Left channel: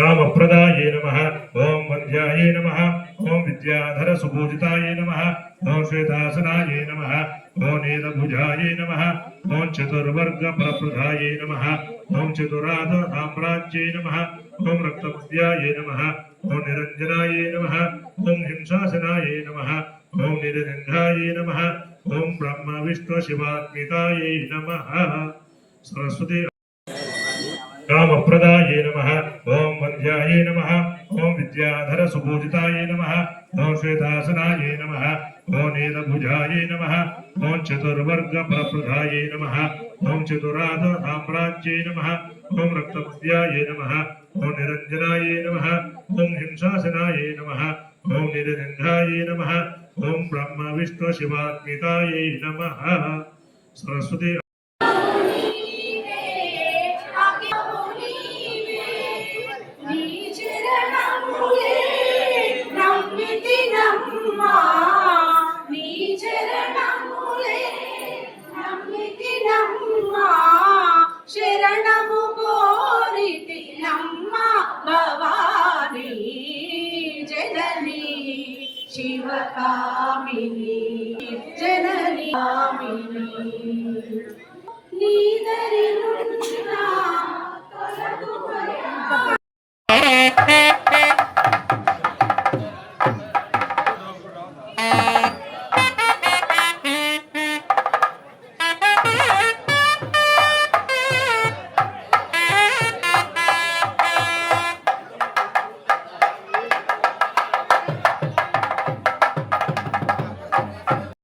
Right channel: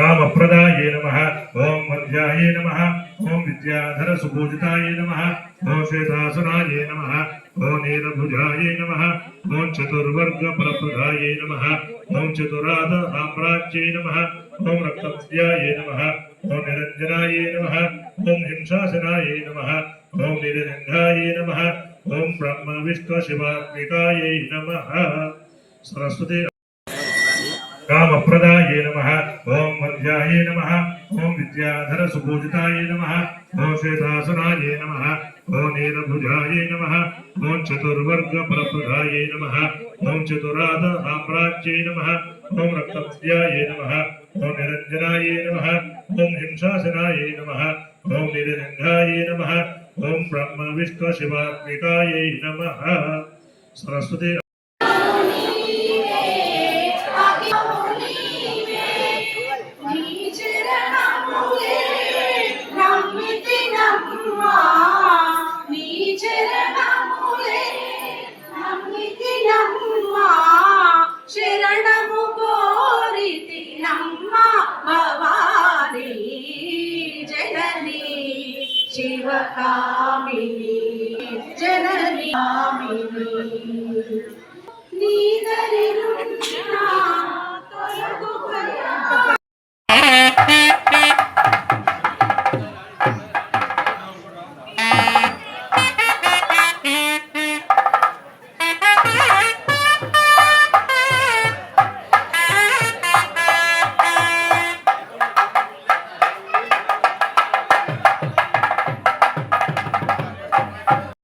कामप्रदाये नमः ओम वन्द्याये नमः ओम विद्याधर सुपूजिताये नमः ओम श्वेतासनाये नमः ओम नीलभुजाये नमः ओम चतुर्वर्ग प्रप्रदाये नमः ओम चतुराद साम्राज्ये नमः ओम रक्तमस्याये नमः ओम निरंजनाये नमः ओम हिंसासनाये नमः ओम निरंजनाये नमः ओम ब्रह्म विष्णु शिवात्मिकाये नमः सरस्वती कामप्रदाये नमः ओम वन्द्याये नमः ओम विद्याधर सुपूजिताये नमः ओम श्वेतासनाये नमः ओम नीलभुजाये नमः ओम चतुर्वर्ग प्रप्रदाये नमः ओम चतुराद साम्राज्ये नमः ओम रक्तमस्याये नमः ओम निरंजनाये नमः ओम हिंसासनाये नमः ओम निरंजनाये नमः ओम ब्रह्म विष्णु शिवात्मिकाये नमः सरस्वती శరణము కోరితి నమ్మ భవానీ జననీ శివకామిని జననీ కామిని